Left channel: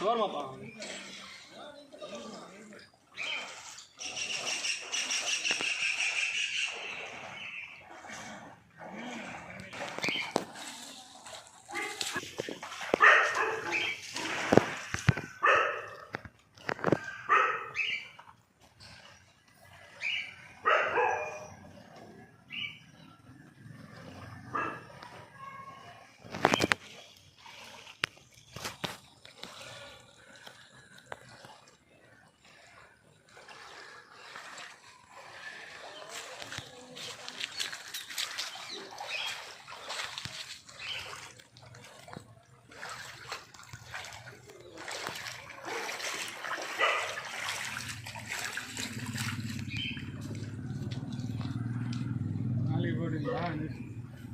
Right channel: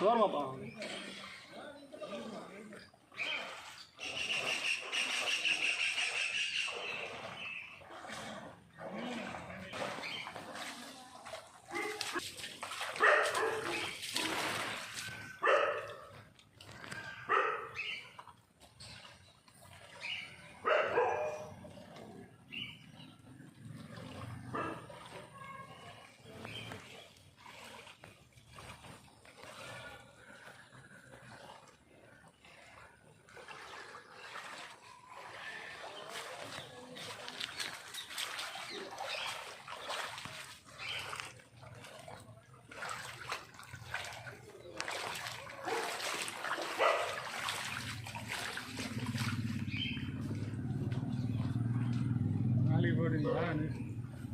தோர்மாப்பா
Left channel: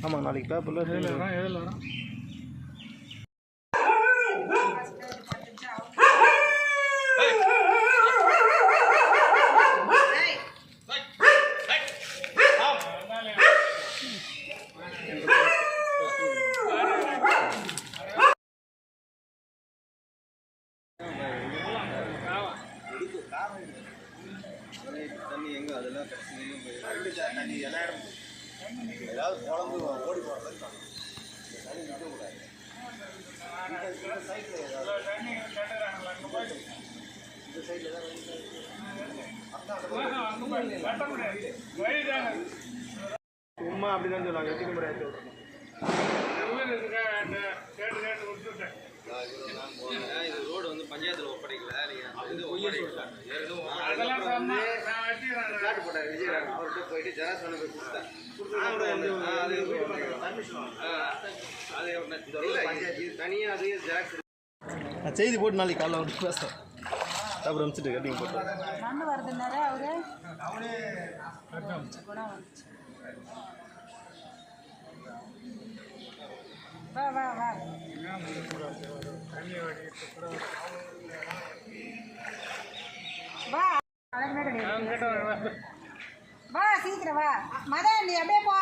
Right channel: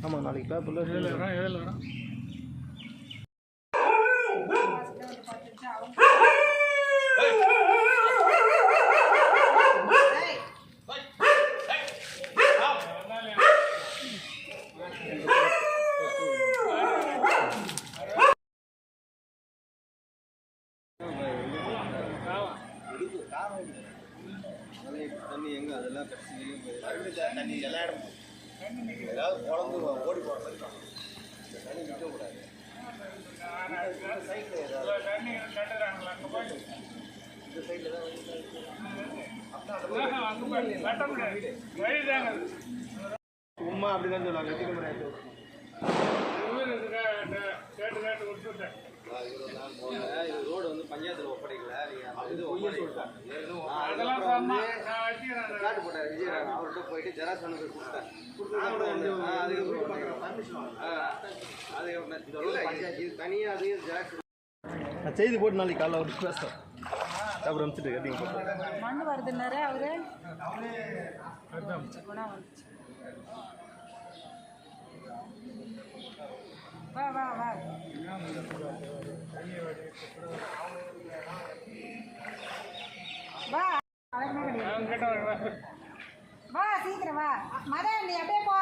ஆமாம் நாளைக்கு பேப்பரில் எழுதலாம் தண்ணி எங்கே அதெல்லாம் தண்ணி எல்லா இடமும் ஏதாவது குழம்பு ஓடி போகிற மாதிரி பண்ணணும். இந்த தண்ணி நிற்கக்கூடாது. சைட்டில் ஏதாவது இந்த சைடில் தான் சும்மா அப்படி தான் சொல்லுவாங்க. எப்படி முறை நான் போனேன். இது ரோடு வந்து பஞ்சாயத்தில் ஒப்படைக்கல. காட்டு போட்டார் விஜயராக. அவர்கிட்ட போயிட்டு ஜெராக்ஸ் ஒன்று போய் கொடுத்தேன். அது பஞ்சாயத்து தனியாக அது ஜெராக்ஸ் நான் செய்தி போட்டு நாளைக்கு காலைல வந்து பேசுகிறேன். அப்புறம் அனுப்பிச்சிட்டு கட்டிங் போட்டு மண் வருதுன்னாரு அவரு குணம் வந்துச்சு. வா வா வா வா சீக்கிரம் வா மதன் நீ அப்படியே போ.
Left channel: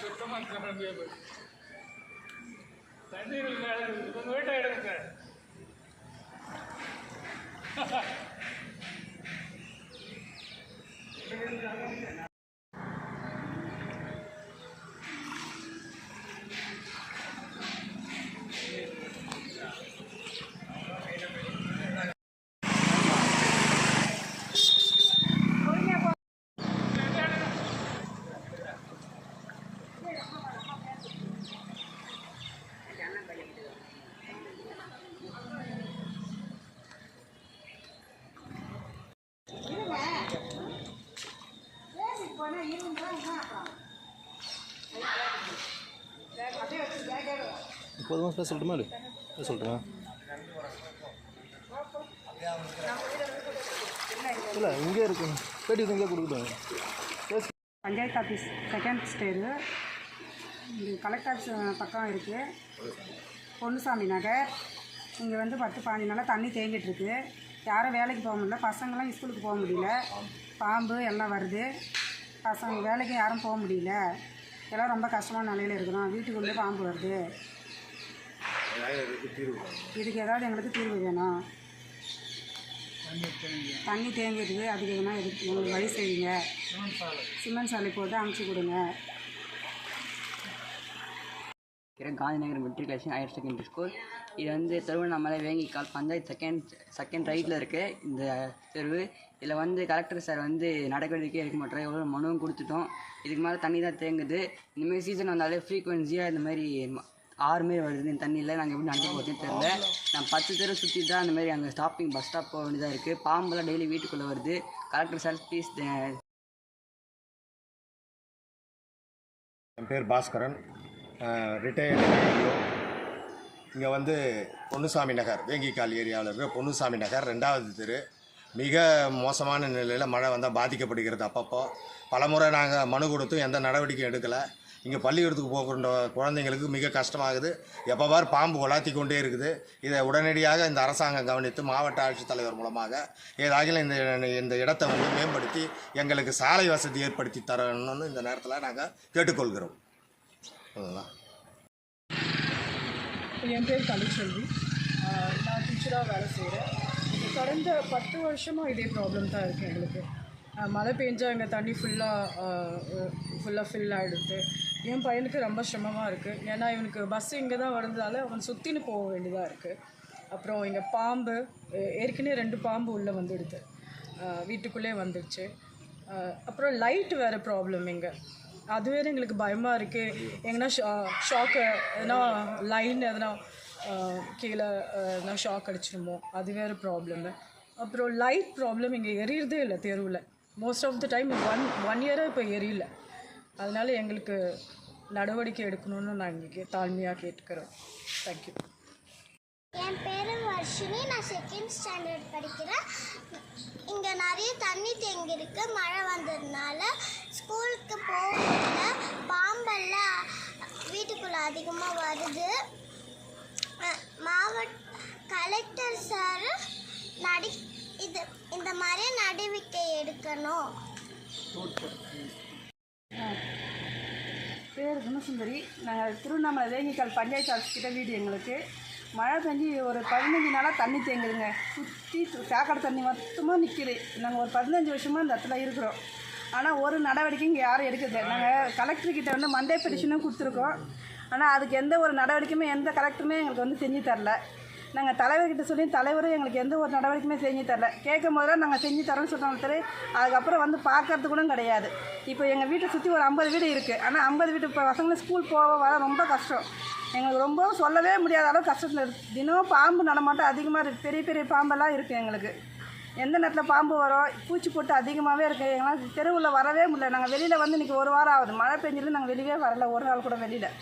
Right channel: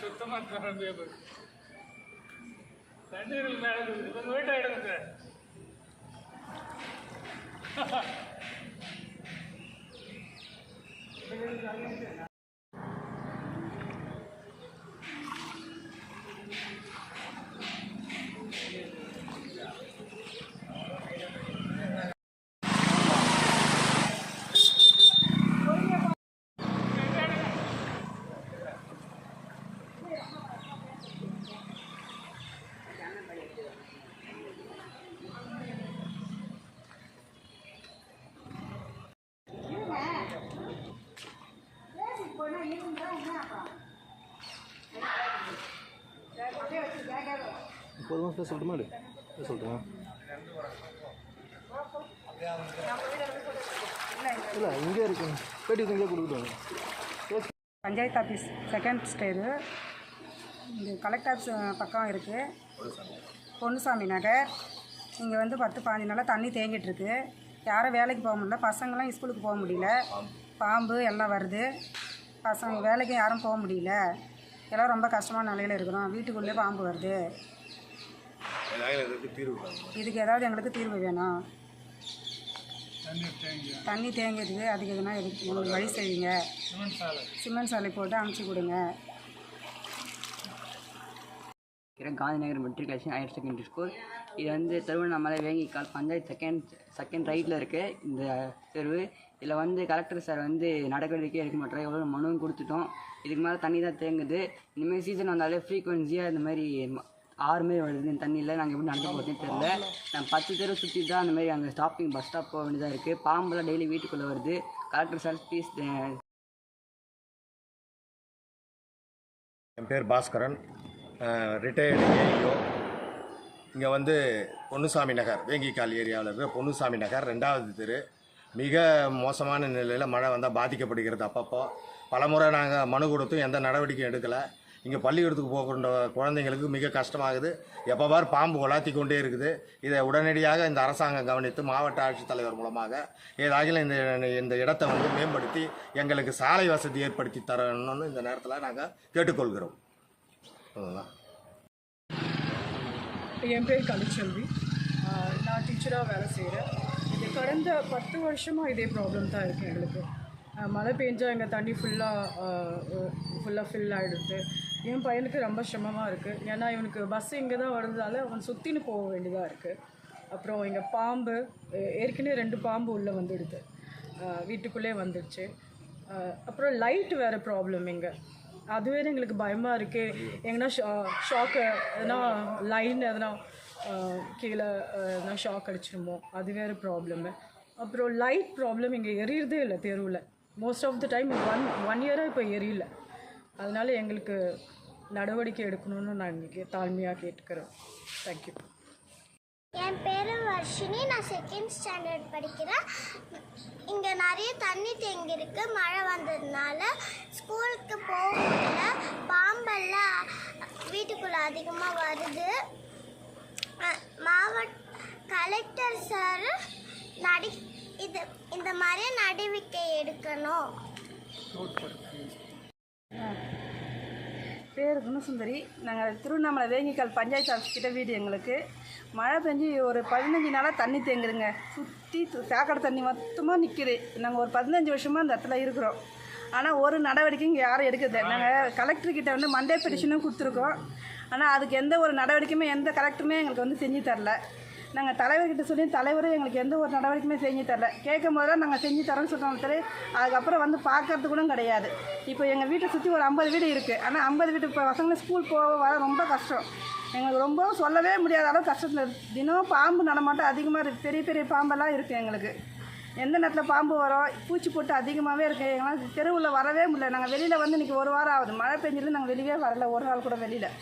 சுத்தமாக தண்ணீர் மேலே வீட்டை எடுங்க சார். இப்போதும் சொல்லட்டுமா சொல்கிறேன். இல்லை இங்கே இருக்கு கேட்டி இங்கே கொடுத்துட்டாங்க. பஞ்சாயத்து ஆஃபீஸ் செகண்ட் ஸ்டேரு இது கலெக்டர் ஆஃபீஸ் பக்கம் இருக்குது. பொன்னுசாமி நகர். இங்கே வந்து 10-15 நாளாக தண்ணி தேங்கிட்டுருக்கு. யாரும் வேலைக்கு போக முடியல. பசங்களாம் ஸ்கூலுக்கு போக முடியல. பாம்பு எல்லாம் வருது. பசங்க வேலைக்கு யாரும் போக முடியல. எல்லாம் ரொம்ப கஷ்டமான நிலையில் இருக்கிறோம். வீட்டுக்குள்ளே பாம்பு வருது. இதுக்கு ஏதாவது எங்களுக்கு தீர்வு வேணும். தண்ணி தேங்கிடுது. அதுக்கு எதுனா எங்களுக்கு வழி செய்யுங்க. சிமெண்ட் சாலை போட்டு அமுச்சு கொடுங்க. Gandhinagar matriculation higher secondary school. இது வந்து திருவண்ணாமலை வேங்கிக்கால் பஞ்சாயத்து செகண்ட் ரைட்டில் இருக்குது இந்த தெருவு. இதில் வந்து கலெக்டர் சார் வந்து நடவடிக்கை எடுக்க மாட்டோம். எவ்வளோ மனுவும் கொடுத்துட்டோம். இதுக்கு மேலே தண்ணி தான் தேங்குது. இந்தமாரி சீசன் வந்தாலே ஃப்ரீக்வன்சியாக இந்த மாதிரி 6 மாரி வருது. இந்த தண்ணியில் நாங்கள் எப்படி நடந்து போகிறதுன்னு தெரியல. நான் 10 தெரு சுற்றி தான் அந்த மாதிரி அங்கே ஸ்டாப்பிங் பஸ் ஸ்டாப் போக வேண்டியதாக இருக்குது. பாம்பெல்லாம் டெய்லி வீட்டுக்குள்ளே வருது. Collector sir please. என் பேர் பாஸ்கரன், ரிட்டையர்டு ஏஇஓ. இங்கே வந்து பொன்னுசாமி நகர் வேங்கிக்கால் ஏரியாவில் இருக்கிற பொன்னுசாமி நகர் 2வது தெரு மிக மோசமான நிலையில் மழை வந்தால் பாதிக்கப்படுகிறது. அப்பப்போ பலமுறை நாங்கள் மனு கொடுத்தும் எந்த நடவடிக்கையும் எடுக்கலை. இங்கே பள்ளிக்கூடத்துக்கு போகின்ற குழந்தைங்களுக்கு மிக கஷ்டமாகுது. எப்போ பார் பாம்பு உலாத்தி கொண்டே இருக்குது. இதை உடனடியாக இந்த அரசாங்கம் கவனித்து மாவட்ட ஆட்சித்தலைவர் மூலமாக ஏதாகிலும் இந்த இடத்தை வந்து மேம்படுத்தி எங்களுக்கு சாலை வசதி ஏற்படுத்தி தரணும்னு இந்த நேரத்தில் நாங்கள் கேட்டுக்கொள்கிறோம். அதுதான். என் பேர் கலைச்செல்வி. நான் டீச்சராக வேலை செய்கிறேன். இது கடந்த 10 வருஷமாக இதே ப்ராப்ளம் தான் இருக்குது எங்களுக்கு. மழை பெஞ்சா எங்கள் தண்ணி ஃபுல்லாக ஃபில் ஆகிடுது. என் பையனுக்கு ரொம்ப சிரமமாக இருக்குது. ஏன்னா இவனுக்கு பஸ்ஸு இங்கே தான் வரதுனால அவன் சுற்றின்னு போக வேண்டியதாக இருக்குது. அப்புறம் இங்கே பாம்பு ஏற்கனவே 2 பாம்பு உள்ளே வந்துடுது, வீட்டுக்குள்ளே வந்துடுச்சு. அப்புறம் லைட் வேறு ப்ராப்ளம் இங்கே, அதுவே எங்களுக்கு பயமாக இருக்குது. எங்கன்னா ஷாக்கு எதனா லைன் எதனா கீழே எதனா ஷாக் அடிச்சிருமோ, அது வேறு ப்ராப்ளம்மு. அப்புறம் லைட் ப்ராப்ளம் இங்கே எரியறதே இல்லை தெருவில். Most of the time one இயராக இப்போ எரியல. அதனால் எங்களுக்கு நடவடிக்கை எடுக்கணும்னு நாங்கள் தாழ்மையாக கேட்டுக்கிறோம். தேங்க்யூ. என் பேர் வர்ஷினி. நான் 2nd ஸ்டாண்டர்ட் படிக்கிறேன். இங்கே நிறைய தண்ணி தேங்கியிருக்கு. மழை வந்ததுனால ஸ்கூலுக்கு போக முடியல. பாம்பெல்லாம் வீட்டுக்குள்ளே அதிகமாக வருது. மாவட்ட கலெக்டர் சார் இந்த மாதிரி நடவடிக்கை எடுக்கணும். பேர் குணசுந்தரி. நாங்கள் திருவண்ணாமலை வேங்கிக்கால் பஞ்சாயத்து ஆஃபீஸ் கிட்ட வீடு. எங்களுக்கு மழை பெஞ்சு ஒரு 15 நாளாக தண்ணி தேங்குதுங்க. சுற்றி சாக்கடை தண்ணி மொத்தமாக நிற்கிது. நாங்கள் ஒரு 15 வருஷமாக இந்த இடத்துல இருக்கிறோம். ஆனால் ஒரு நடவடிக்கையும் இங்கே யாரும் எடுக்குது. நாங்கள் கலெக்டர்கிட்ட வந்து மண்டே பெட்டிஷனும் கொடுத்துருக்கோம். ஆனால் அதுக்கு எந்த ஒரு நடவடிக்கையுமே எந்த கலெக்டருமே எங்களுக்கு வந்து செஞ்சு தரல. நாங்கள் தலைவர்கிட்ட சொல்லி தலைவரும் எங்களுக்கு எந்த ஒரு நடவடிக்கையுமே செஞ்சு தரல. கேட்கும் போது தான் நாங்கள் செஞ்சு தரோன்னு சொல்கிறோம் தர. அதுக்கப்புறம் வந்து பார்க்கறது கூட கிடையாது. இப்போ எங்கள் வீட்டை சுற்றி ஒரு 50 வீடு இருக்குது. ஆனால் 50 வீட்டு இப்போ பசங்களை ஸ்கூல் போக வர ரொம்ப கஷ்டம். எங்களுக்கு ரொம்ப சொல்லவே முடியாத அளவு கஷ்டத்தில் இருக்குது. தினம் பாம்பு நடமாட்டம் அதிகமாக இருக்குது. பெரிய பெரிய பாம்பெல்லாம் இருக்குது எங்களுக்கு. எந்த நேரத்தில் பாம்பு வரும், பூச்சி போட்டு அதிகமாகவே இருக்குது. எங்களால் தெருவில் வரவே முடியல. நாங்கள் வெளியில் வந்து இன்றைக்கி 1 வாரம் ஆகுது. மழை பெஞ்சதில் நாங்கள் வெளியே வரல, ஒரு நாள் கூட வெளியில்.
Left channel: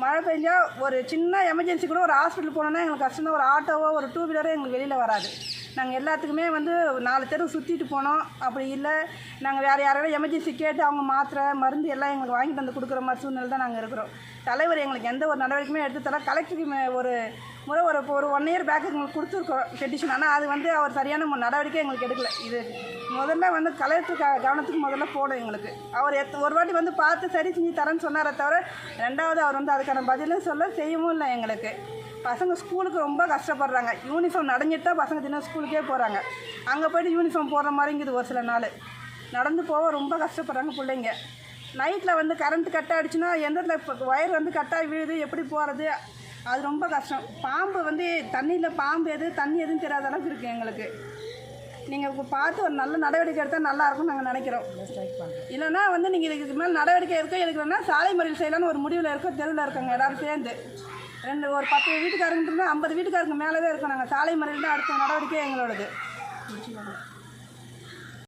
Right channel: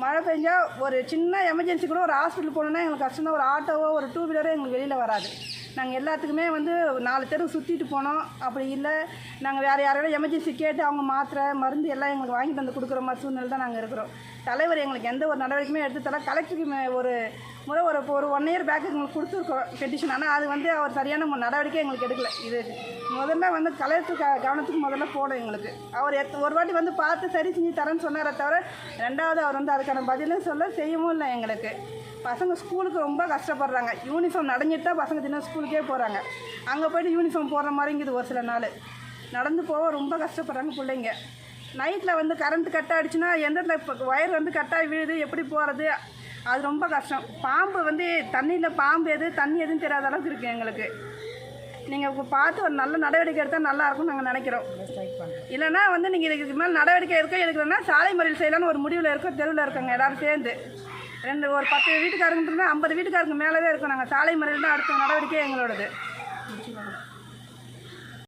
மழை பெஞ்சால் ஒரு சின்ன எமர்ஜென்சி கூட ஒரு ஹாஸ்பிட்டல் போனோன்னா எங்களுக்கு கஷ்டம். ஒரு ஆட்டோவோ ஒரு 2 வீலரோ எங்களுக்கு வெளியில் வராது. நாங்கள் எல்லாத்துக்குமே வந்து 4 தெரு சுற்றிட்டு போனோம். அப்படி இல்லை நாங்கள் வேறு யாரோட எமர்ஜென்சி கேட்டு அவங்க மாத்திரை மருந்து எல்லாம் எங்களுக்கு வாங்கிட்டு வந்து கொடுக்குற மாதிரி சூழ்நிலை தான் நாங்கள் இருக்கிறோம். தலைவர் எங்களுக்கு எந்த ஒரு நடவடிக்கையுமே எடுத்து தர. கலெக்டருக்கு ஒரு முறை ஒரு 1 இயர் பேக் எங்களுக்கு கொடுத்துருக்கோம் பெட்டிஷன். ஆனால் அது வந்து அவர் சரியான நடவடிக்கை எங்களுக்கு எடுக்கல. இது முதல்ல வந்து கலெக்டர் கவனத்துக்கு முதல்ல போடும் எங்களுக்கு. அவர் ஒரு வாட்டி வந்து பார்த்து சரி செஞ்சு தரேன்னு சொன்னாரே தவிர 2வது அவர் வந்து அதுக்கான பதிலும் செய்யவும் இல்லை எங்களுக்கு. பசங்க ஸ்கூலுக்கு ரொம்ப கஷ்டப்படுறாங்க. யூனிஃபார்ம் நடைஞ்சிட்டு தான் பசங்க தினம் ஸ்கூலுக்கே போகிறாங்க. அங்கே போய்ட்டு யூனிஃபார்ம் போடுற மாதிரிங்குது. ஒரு சில நாள் நடந்து போக ரொம்ப கஷ்டப்படுறாங்க பிள்ளைங்க. நைட்டில் வந்து கரண்ட் கட் ஆகிடுச்சுன்னா எந்த இடத்துல ஒயர் வந்து கட்டாகி விழுது, எப்படி போகிறது, அது ரொம்ப கஷ்டம். பாம்பு வந்து தண்ணியில் பாம்பு எது தண்ணி எதுவும் தெரியாத அளவுக்கு இருக்குது எங்களுக்கு. நீங்கள் பார்த்து ஒரு நல்ல நடவடிக்கை எடுத்தால் நல்லாயிருக்கும்னு நாங்கள் நினைக்கிறோம். இல்லைனா வந்து நீங்கள் இதுக்கு மேலே நடவடிக்கை எடுக்கணும்னா சாலை மறியல் செய்யலான்னு ஒரு முடிவில் இருக்கோம். தெருவில் இருக்காங்க எல்லோரும் சேர்ந்து ஒரு 10 வீட்டுக்காரங்க 50 வீட்டுக்காரங்க மேலவே இருக்கோம். நாங்கள் சாலை மறியல் தான் அடுத்த நடவடிக்கை எங்களோடது. முடிச்சுக்கோங்க.